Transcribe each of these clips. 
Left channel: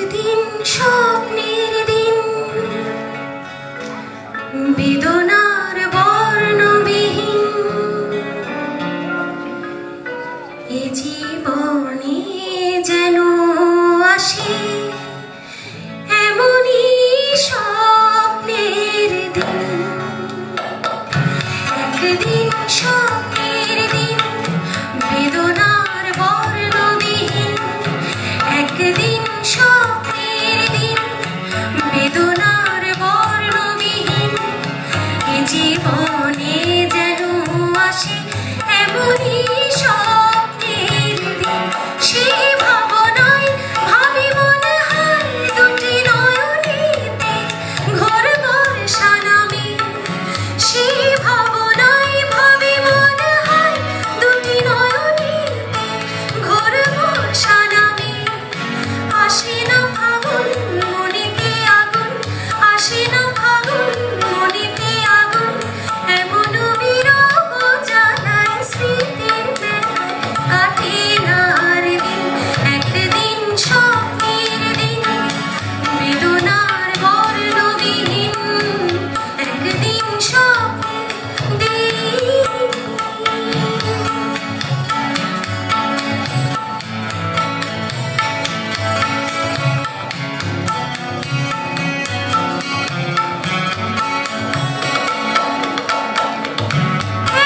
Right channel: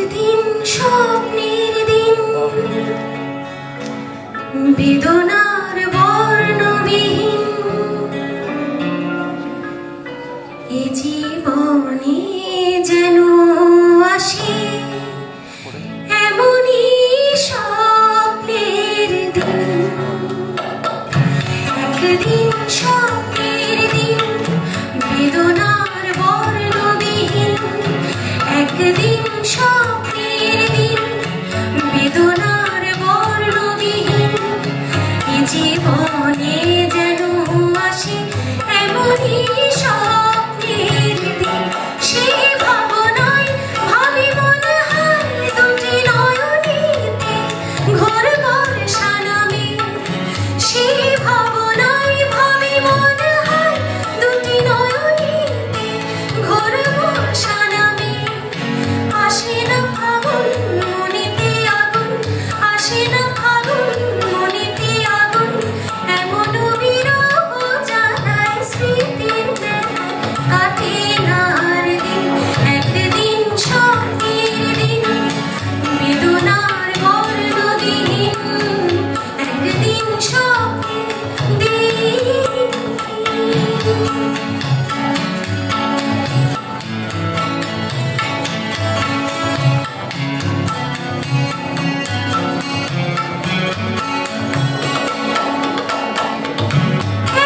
একদিন স্বপ্নের দিন বেদনার বর্ণবিহীন এ জীবনে যেন আসে এমনই স্বপ্নের দিন। একদিন স্বপ্নের দিন বেদনার বর্ণবিহীন, একদিন স্বপ্নের দিন বেদনার বর্ণবিহীন এ জীবনে যেন আসে এমনই স্বপ্নের দিন। সে ভাবনায় ভাবি মনে হয় দুটি নয়নেতে ঘোর বর্ষা নামে। সে ভাবনায় ভাবি মনে হয় দুটি নয়নেতে ঘোর বর্ষা নামে। আসে না ফাগুন মনেতে আগুন, আসে না ফাগুন মনেতে আগুন, এমন বিরহ জ্বালায় স্মৃতির বেলায় কাটে না আর দিন। একদিন স্বপ্নের দিন বেদনার বর্ণবিহীন, একদিন স্বপ্নের দিন।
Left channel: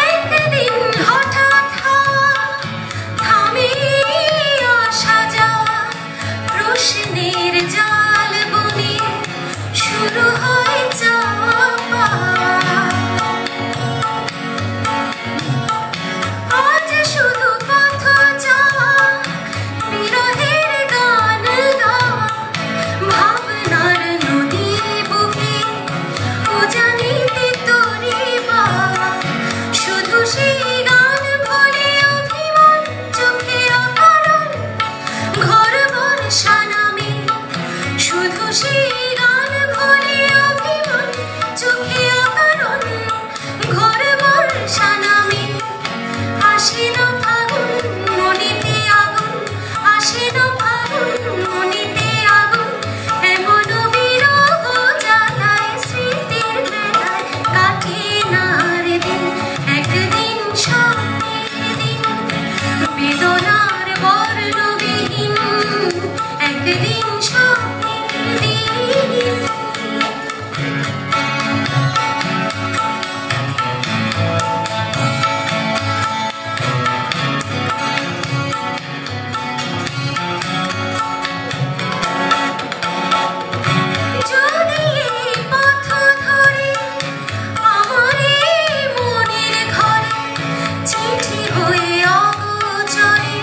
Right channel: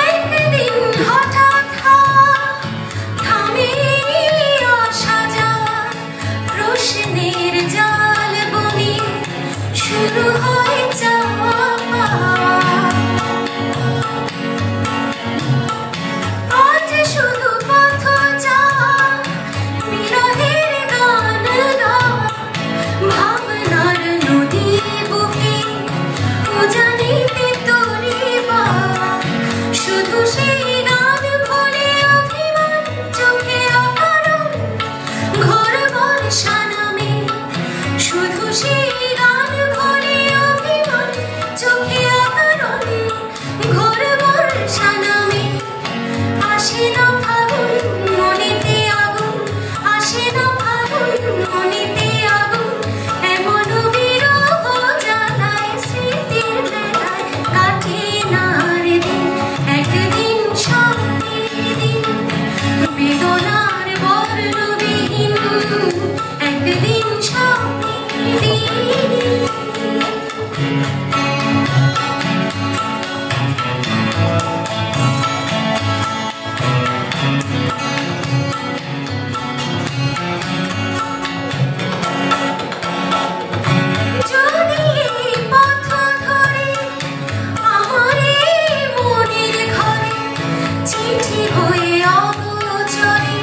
একদিন হঠাৎ হাওয়া থামে আসা যাওয়া, প্রশ্নের জাল বুনে শুরু হয় যাওয়া পাওয়া। আজ শুধু পথ যাওয়া, বিরহের গান গাওয়া, ভাবনার নদী বুকে উজানিতে তরি পাওয়া। শুধু সেই গান ভুলে অভিমান চোখে অকারণ ঘোর বর্ষা নামে। শুধু সেই গান ভুলে অভিমান চোখে অকারণ ঘোর বর্ষা নামে। আসে না ফাগুন মনেতে আগুন, আসে না ফাগুন মনেতে আগুন, এমন বিরহ জ্বালায় স্মৃতির বেলায় কাটে না আর দিন। একদিন স্বপ্নের দিন বেদনার বর্ণবিহীন, একদিন স্বপ্নের দিন। যদি এই পথ ধরে আমার এই মনের ঘরে চিঠি হয়ে অগোচরে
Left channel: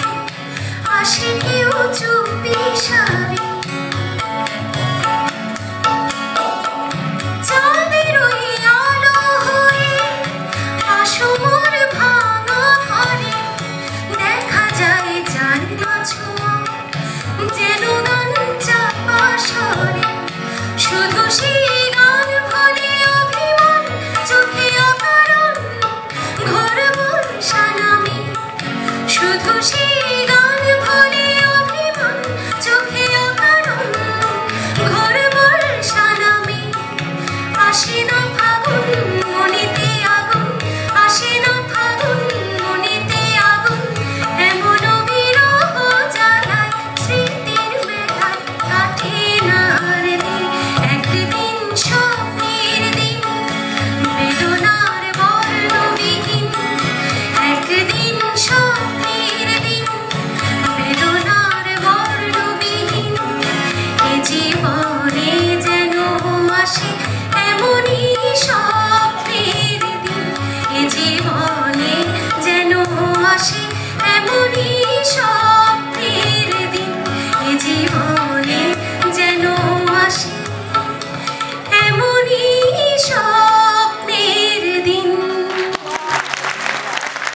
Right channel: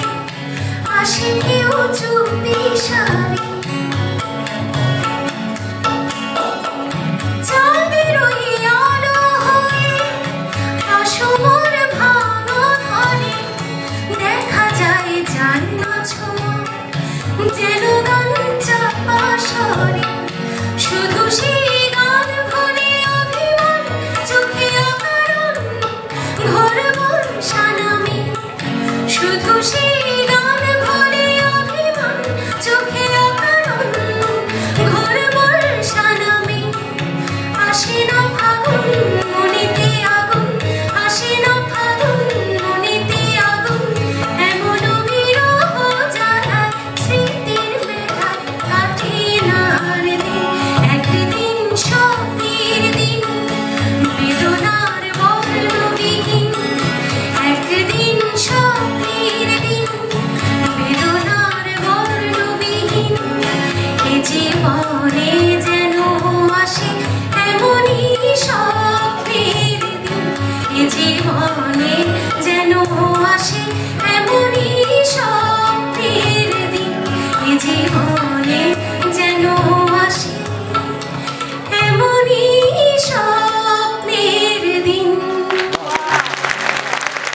আসে কেউ চুপে